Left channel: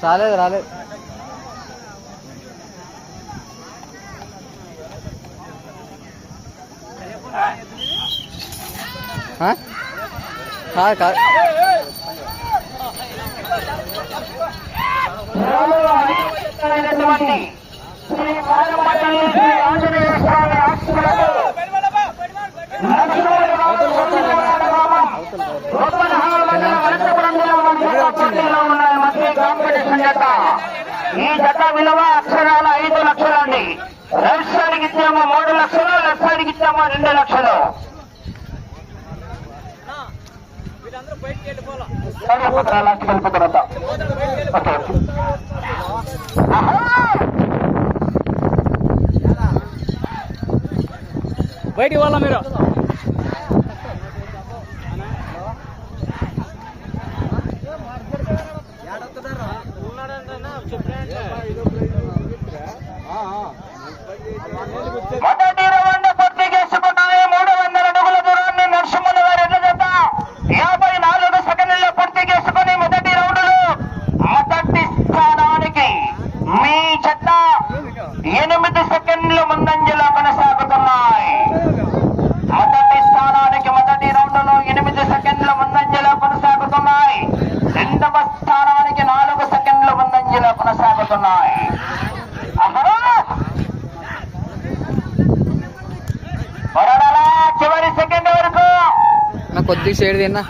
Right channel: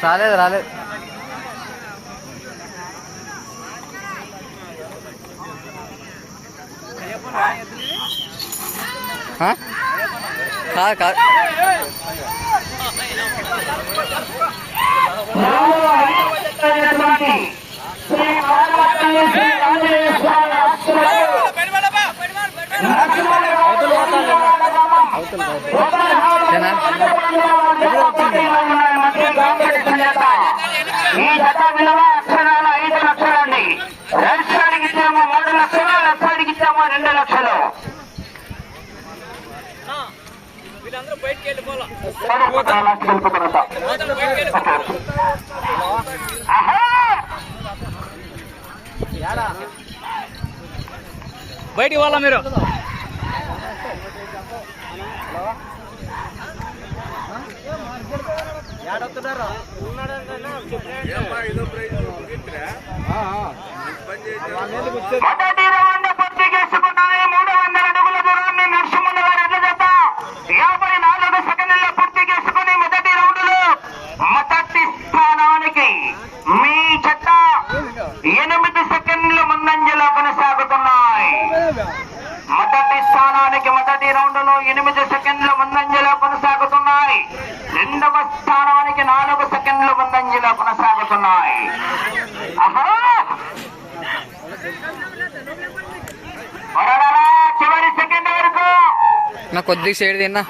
साले दराले हाँ खा खा ఈ జత విలువ అక్షరాలు ఐదు లక్షలండి రైట్ సైడ్కి ఇచ్చామో మూడు లక్షలు లెఫ్ట్ సైడ్కి ఇచ్చామో రెండు లక్షలు బయటికి పోవాలా మీరు? మొదటి వస్తున్నాయి. అహో చివరి సెకండ్ వరకు. నా కొద్దిగా షేడ్ తిన్నా.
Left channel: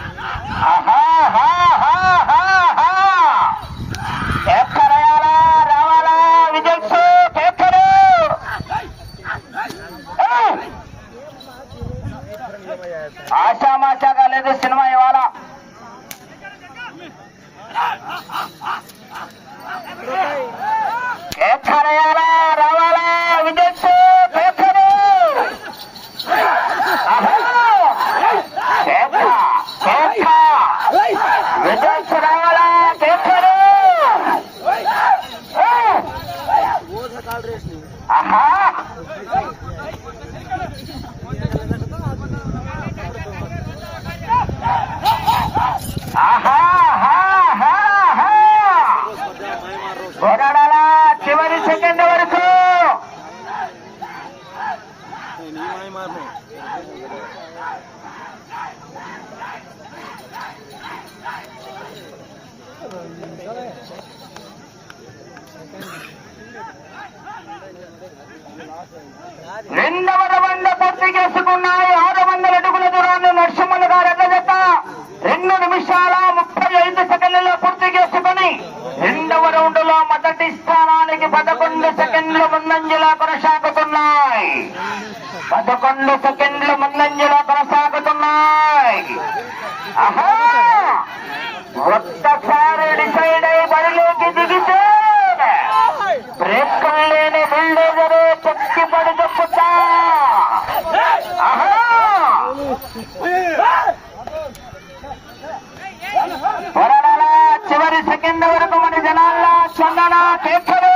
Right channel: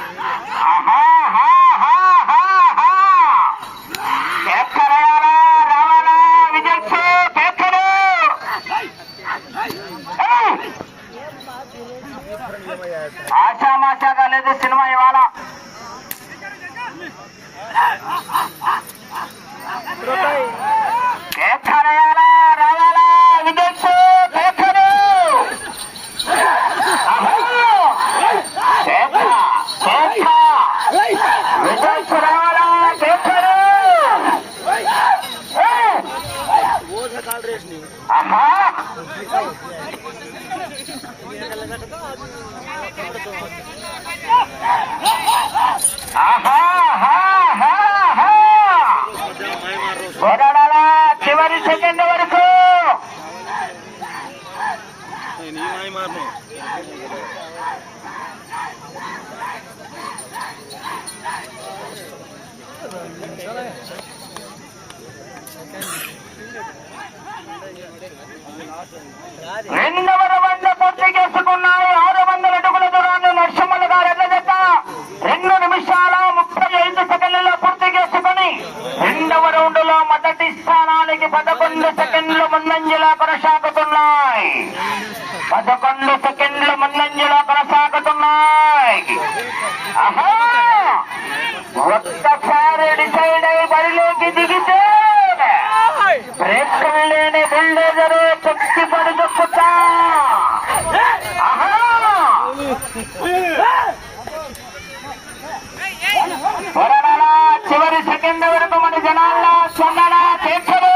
చివరి సెకండ్ వరకు. రెండవ రౌండ్ పూర్తి చేసుకున్నాయి. ఆరు వందల అడుగుల దూరాన్ని నరసింహల గారు ఎల్లజత రెండు నిమిషాల ముప్పై ఐదు సెకండ్లలో పూర్తి చేసుకుని రెండవ రౌండ్లో మొదటి స్థానానికి పదకొండు సెకండ్ల ముందంజలో కొనసాగుతున్నాయి పదకొండు సెకండ్ల ముందంజలో కొనసాగుతున్నాయి ఒక్కసారి డిసైడ్ అయి బరిలోకి దిగితే బ్రేక్ లేని బుల్డోజరే శక్తి పడుచుకుంటా చివరి సెకండ్ వరకు మన జనాల్లో స్పందన చేర్చరు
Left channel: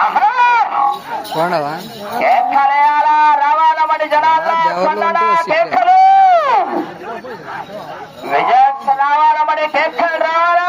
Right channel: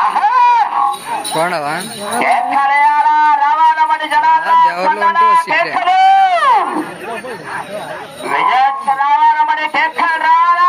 ఆహా! పోండవా కేకలేయాలా, రావాలా మన జనాల్లో ఆ, దేవుళ్ళు ఉంటూ స్పందన వస్తే. చేర్చరు. విజయ్ రావాలా మరి కేకలు రావాలా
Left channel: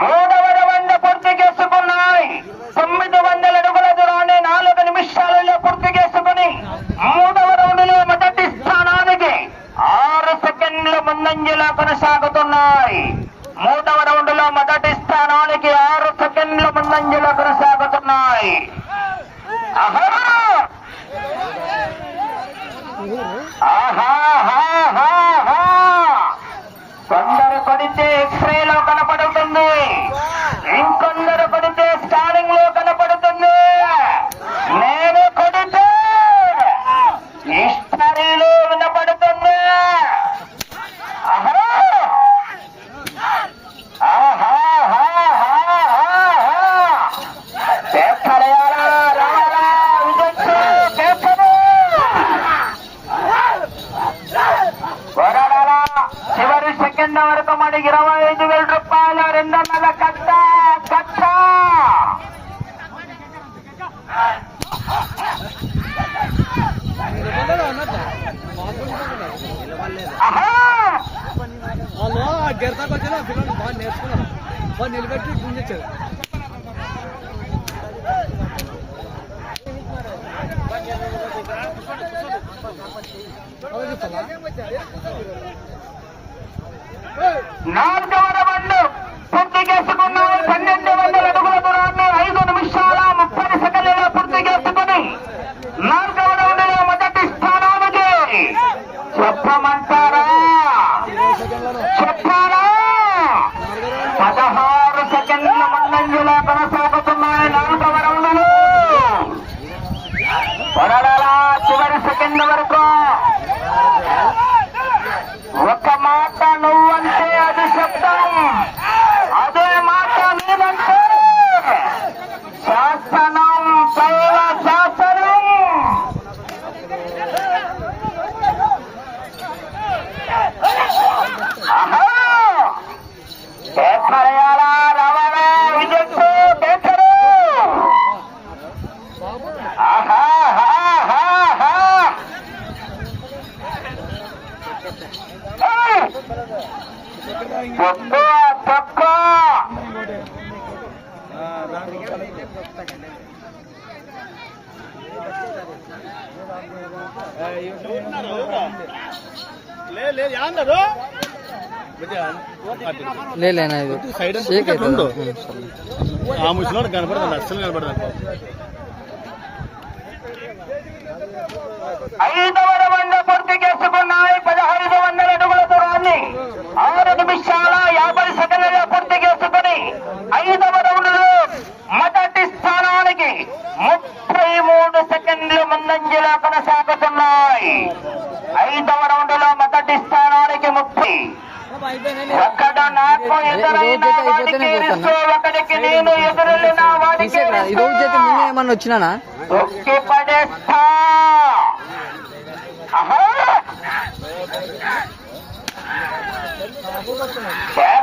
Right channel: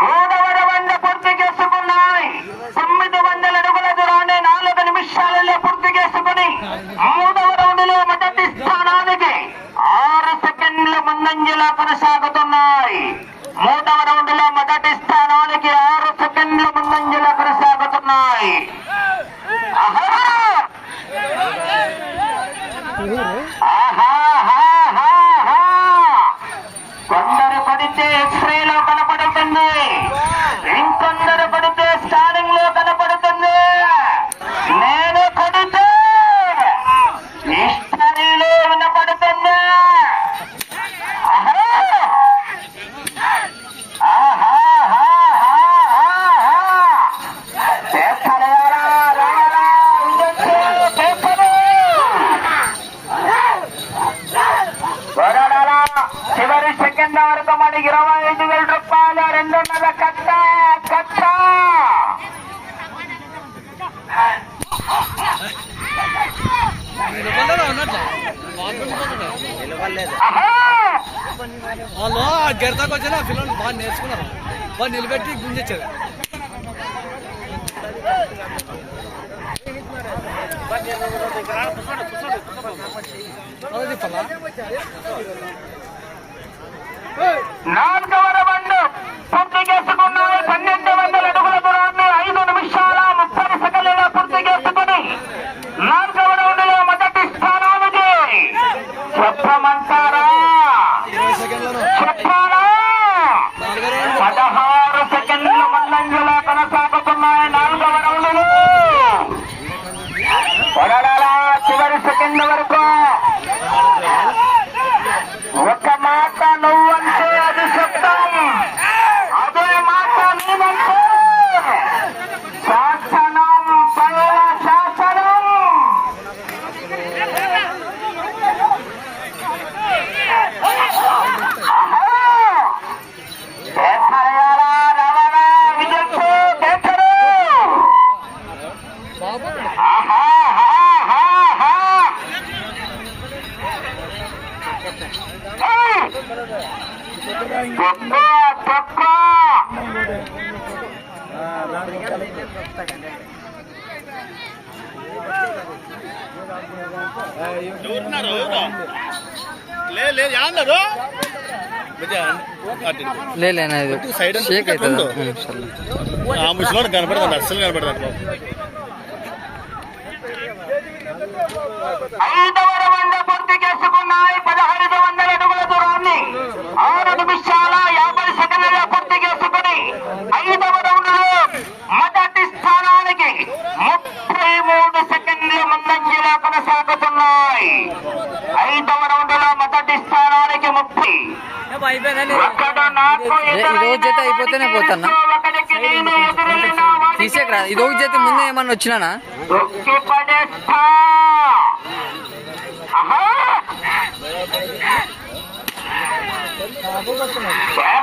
మూడవ రౌండ్ పూర్తి చేసుకున్నాయి తొమ్మిది వందల అడుగుల దూరాన్ని నాలుగు నిమిషాలలో పూర్తి చేసుకుని మూడవ రౌండ్లో మొదటి స్థానానికి ఆరు సెకండ్ల ముందంజలో కొనసాగుతున్నాయి మూడవ రౌండ్లో మొదటి స్థానానికి ఆరు సెకండ్ల ముందంజలో కొనసాగుతున్నాయి ఆహా! ఆహాహాహాహా! కొందరు కొడితే ఎక్స్రేలో కనపడుతుంది. ఇంకొందరు పడితే స్టారింగ్లో కనపడుతుంది. రెండున్నర కట్ట కట్ట ఆహా! వాళ్ళు ఆ గెడతాకు వచ్చిన పిల్లలు బాగా నేర్చుకున్నారు బాగా నిలబెట్టి గుంజొచ్చారు అది చెప్పాలా? నాలుగవ రౌండ్ పూర్తి చేసుకున్నాయి పన్నెండు వందల అడుగుల దూరాన్ని ఐదు నిమిషాల ముప్పై సెకండ్లలో పూర్తి ఏయ్! లేదు లేదు సైడ్ షేక్ అవుతుంది ఆ ముసలోడు కనపడదండి అస్సలు కనపడదండి ఐదవ చేసుకున్నాయి పదహైదు వందల అడుగుల దూరాన్ని ఆరు నిమిషాల యాభై సెకండ్ల పూర్తి చేసుకుని ఐదవ రౌండ్లో మొదటి స్థానానికి ముప్పై మూడు సెకండ్లు ముందంజలో కొనసాగుతున్నాయి. ఐదవ రౌండ్లో మొదటి స్థానానికి ముప్పై. ఈ రోజు అయిపోతేనే పోతాన్నా? ఇస్తూ ఒకడికి నేను ఎదురెళ్ళిన వాడికి తీసేకి రా ఇది ఒక చేతి ముందే ఏమన్నా వచ్చినానా? 아동 학?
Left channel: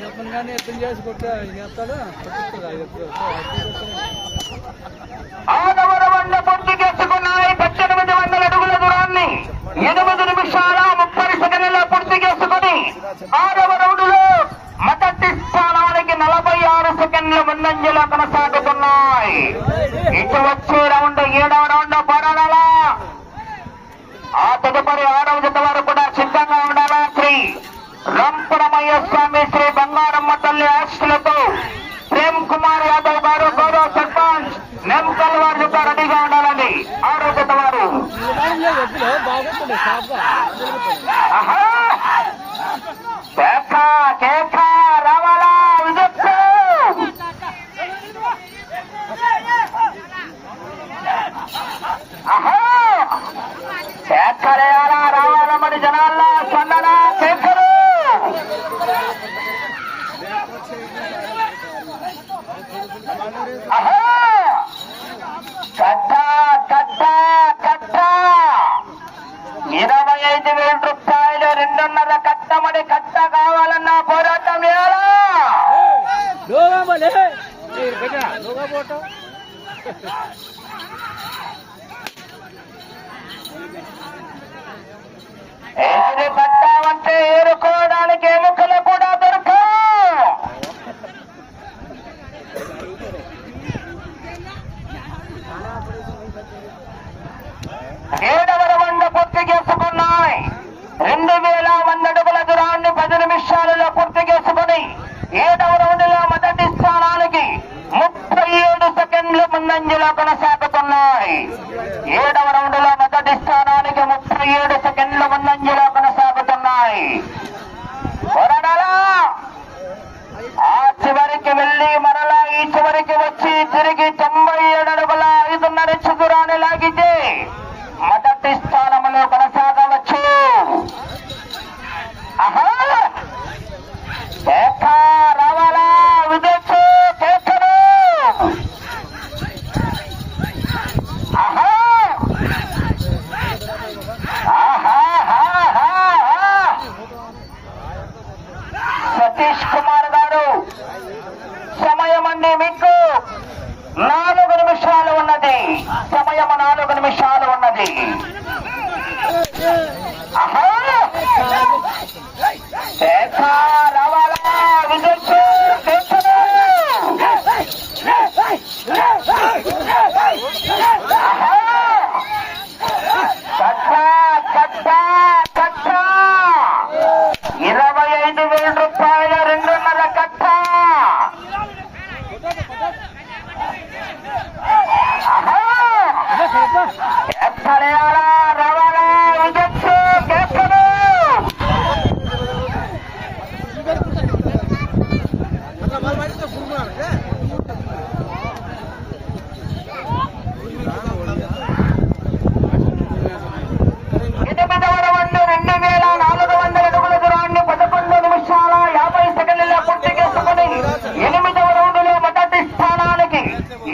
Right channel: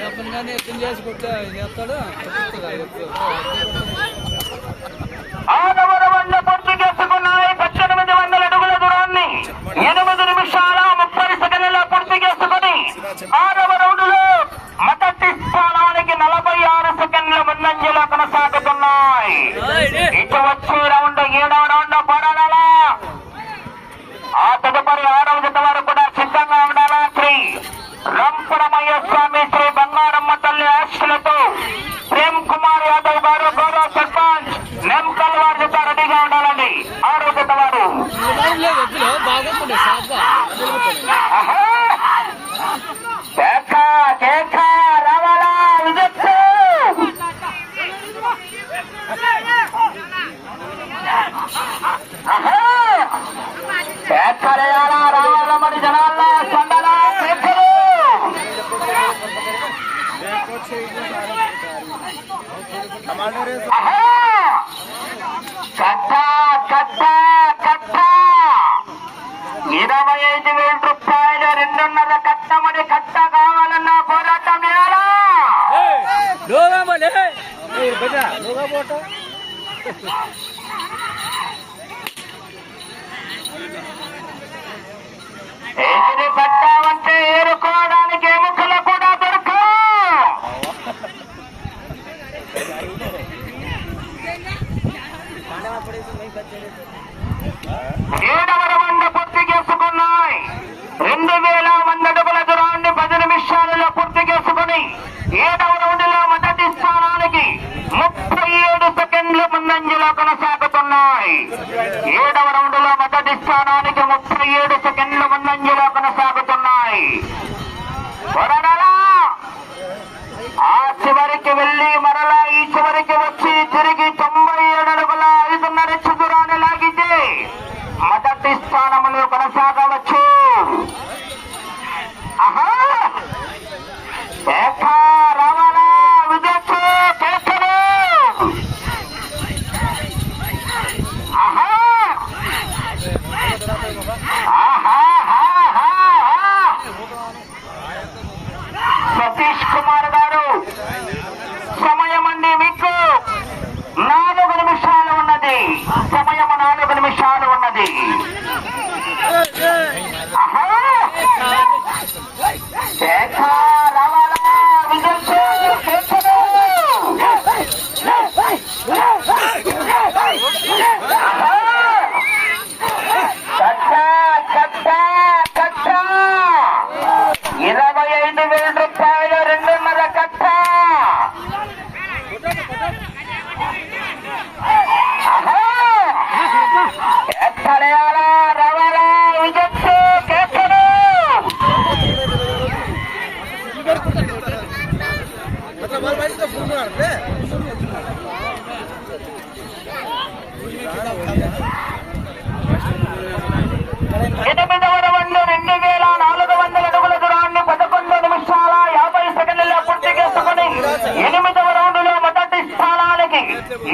ఏపంగానే ఎత్తం చేసి కొట్టా చేస్తాడు చెప్తుంది ఐదు ఆడవర వంద పూర్తి చేసుకున్నాయి పద్దెనిమిది వందల అడుగుల దూరాన్ని ఎనిమిది నిమిషాల ముప్పై సెకండ్ల పూర్తి చేసుకుని ఆరవ రౌండ్లో మొదటి స్థానానికి నలభై ఆరు సెకండ్ల ముందంజలో కొనసాగుతున్నాయి. ఇటు వచ్చే రౌండ్ ఏడవ రౌండ్ పడాలా ఆ తదుపరి ఆరవ జత వారు కూడా సిద్ధంగా ఉండాలా శ్రీ రంపురమయ్య స్వామి శ్రీ బంగారమ్మ తల్లి ఆశలతో ప్రేమ్ కుమార్ యాదవ్ గారు గౌరవ సర్పంచ్. నెంకల్ వారి జత రెడీగా ఉండాలండి. ఆరోగ్యత వారు లేదు రావాలా విజయ్ ఆహా! बजा लोगा बोटो ఏది పట్టామంటే ఏరుకోవడానికి ఎముకలు కూడా దొరకవు. ఏడవర వంద పూర్తి చేసుకున్నాయి. రెండు వేల వంద అడుగుల దూరాన్ని పది నిమిషాలలో పూర్తి చేసుకుని ఏడవ ముందంజలో కొనసాగుతున్నాయి. ఏడవ రౌండ్లో మొదటి స్థానానికి ముప్పై ఏడు సెకండ్ల ముందంజలో కొనసాగుతున్నాయి. వరడలా ఆ చివరికి వెళ్ళి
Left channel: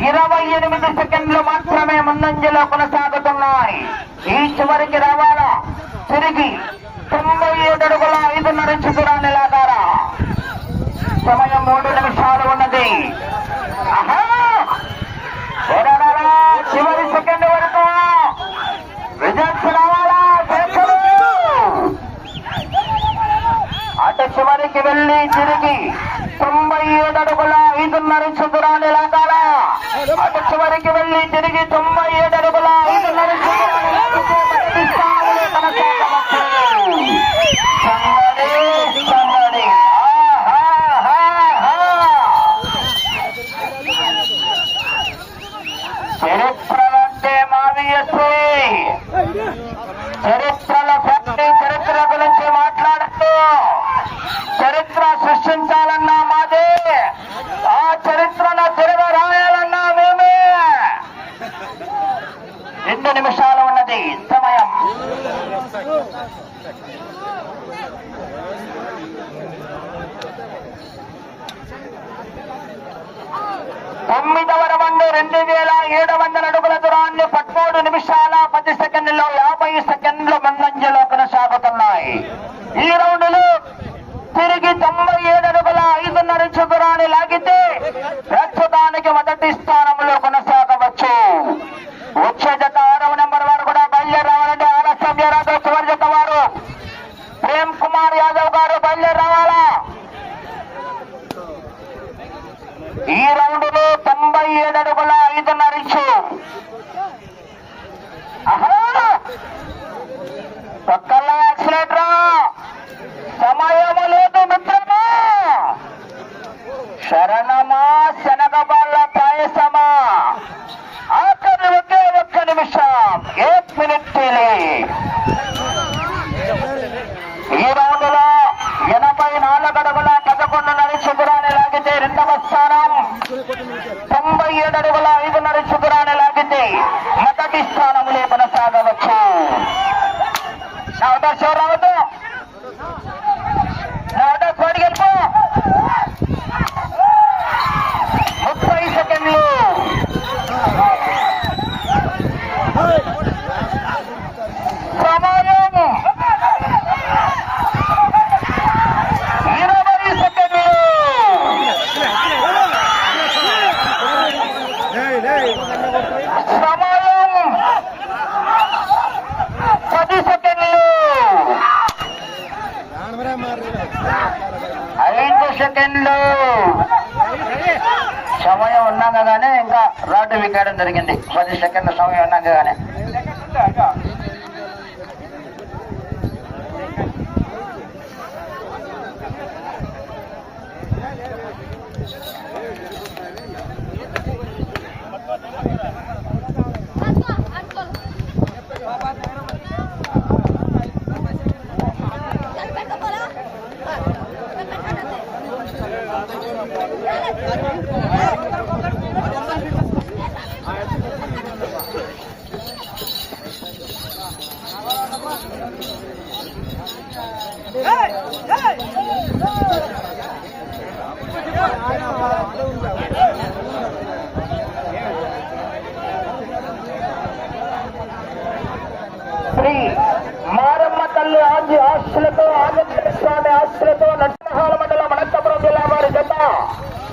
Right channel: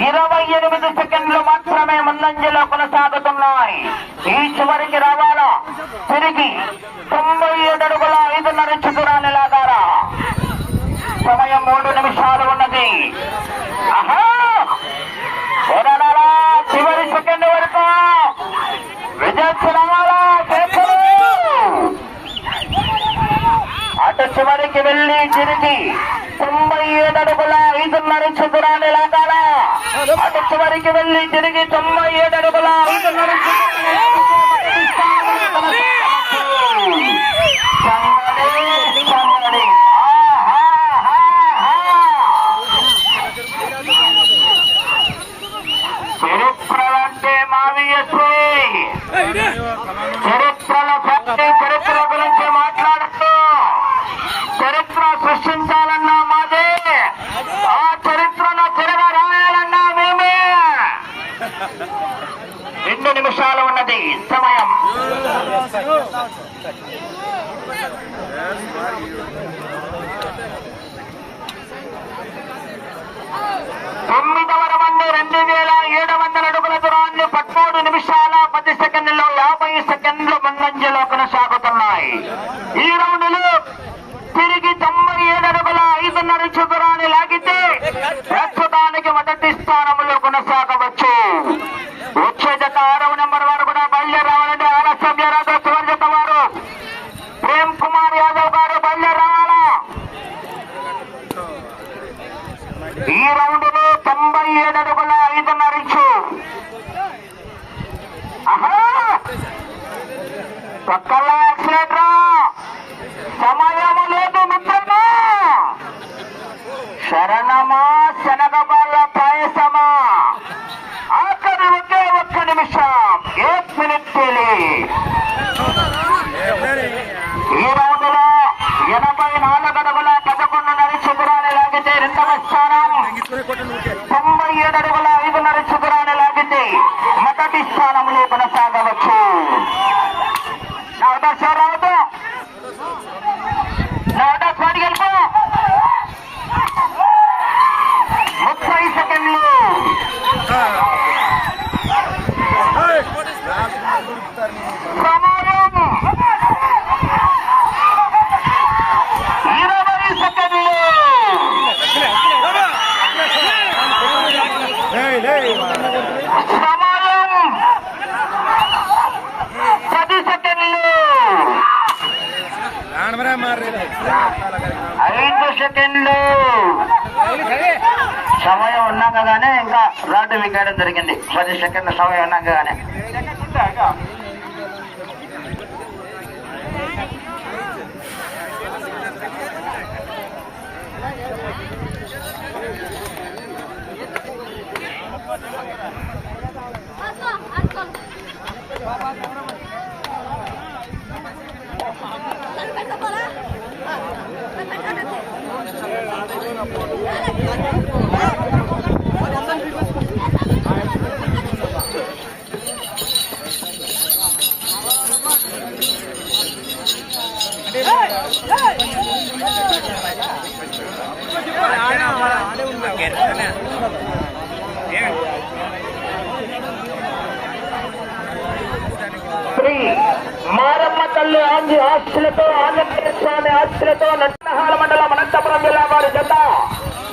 ఇరవై ఎనిమిది సెకండ్లు మాత్రమే ముందంజలో కొనసాగుతున్నాయి. ఈ చివరికి రావాలా? తిరిగి తొంభై ఏడు అడుగుల ఐదున్నర చతురాన్ని లాగారా సమయం మూడు నిమిషాలు ఉన్నది. చివరి సెకండ్ వరకు. విజయ్ రావాలా అటు చివరికి వెళ్ళి తిరిగి తొంభై ఏడు అడుగుల ఐదున్నర చతురాన్ని లాగాలా అటు చివరికి వెళ్ళి తిరిగి తొంభై ఏడు అడుగుల ఐదున్నర చతురాన్ని లాగితే మొదటి స్థానంలో కొనసాగవచ్చు. సందడి, సందడి. ఆహాహాహా. చరిత్ర అంటే మావియసి చరిత్రల ప్రతి చరిత్ర గురించి మాట్లాడుతూ చరిత్ర సృష్టించాలన్నా మాదే ఆ చరిత్రను తిరగ రాయాలన్నా మేమే రెండు నిమిషాలు ఉన్నది సమయం తొమ్మిదవ రౌండ్ రెండు వేల ఏడు వందల అడుగుల పదమూడు నిమిషాల పది సెకండ్లలో యాభై సెకండ్ల ముందంజలో కొనసాగుతున్నాయి. ఈ రౌండ్లో తిరిగి తొంభై ఏడు అడుగుల ఐదున్నర చదురాన్ని లాగితే ప్రస్తుతానికి మొదటి స్థానంలో కొనసాగవచ్చు. వచ్చే జత ఆరవ నెంబర్ వారు కూడా బయలుదేరావాలంటే ఆలస్యం చేయరాదు చివరి జత వారు ప్రేమ్ కుమార్ యాదవ్ గారు బయలుదేరి రావాలా ఈ రౌండ్లో తొంభై ఏడు అడుగుల ఐదున్నర ఇంచు ఆహా! పక్కల యాక్సిలేటర్ సమయము లేదు మిత్రమా శరణమా శనగబాళ్ళ పాయసమా ఆఖరి ఒకే ఒక్క నిమిషం ఏక్ మినిట్ తేలి ఈ రోజులో ఎనభై నాలుగు అడుగుల పదకొండున్నర చతురాన్ని లాగితే రెండవ స్థానం తొంభై ఏడు అడుగుల ఐదున్నర చతురాన్ని మొదటి స్థానంలో కొనసాగవచ్చు. నా ఉదర్ రావద్దు నా ఉదర్ కోడికి వెళ్ళిపో ముప్పై సెకండ్లు సమయం ఇరవై సెకండ్లు సమయం పది సెకండ్లు ఐదు సెకండ్లు సమయం ఇంకా రాడ్డు విక్కడం జరిగింది. పది సెకండ్ల సమయం ఉన్నాగానే శ్రీ మారమ్మ తల్లి ఆంజీ ఆస్తులతో ఆంజనేయ స్వామి ఆస్తులతో నట్టహాల మండలం అనంతపురం జిల్లా వారి జత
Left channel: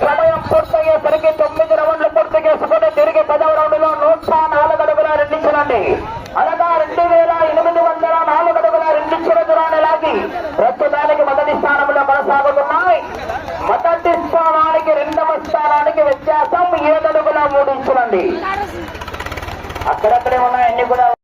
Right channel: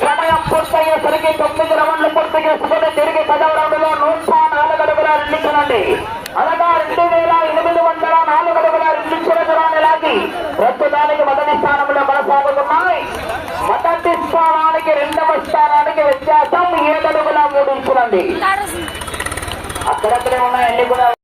సమయం పూర్తయ్యేసరికి తొమ్మిది రౌండ్లు పూర్తి చేసుకుని తిరిగి పదవ రౌండ్లో నూట నాలుగు అడుగుల రెండించునండి అనగా రెండు వేల ఎనిమిది వందల నాలుగు అడుగుల రెండించుల దూరాన్ని లాగి ప్రస్తుతానికి మొదటి స్థానంలో కొనసాగుతున్నాయి. మొదటి స్థానానికి రెండవ స్థానానికి వ్యత్యాసం ఏడు అడుగుల మూడు ఇంచులండి అక్కడక్కడే ఉన్నాయి అన్ని కూడా